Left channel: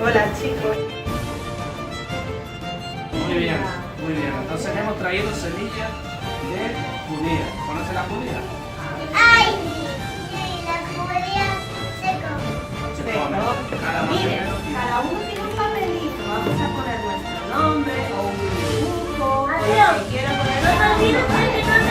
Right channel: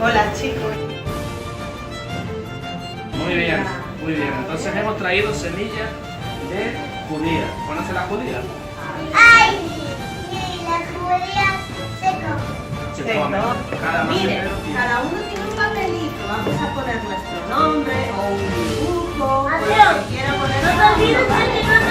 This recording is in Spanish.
Hola, chicos. Muy bien, muy bien. Entonces hemos traído semillas de judía. ¿Conoce la judía? ¡Ay! Sí, la judía se come. Se come. Cada Miren, macetero tiene. cada uno tiene un papelito. Vamos a poner nuestro nombre o un dibujo o lo Mateo, que quiera poner. no te olvides de que no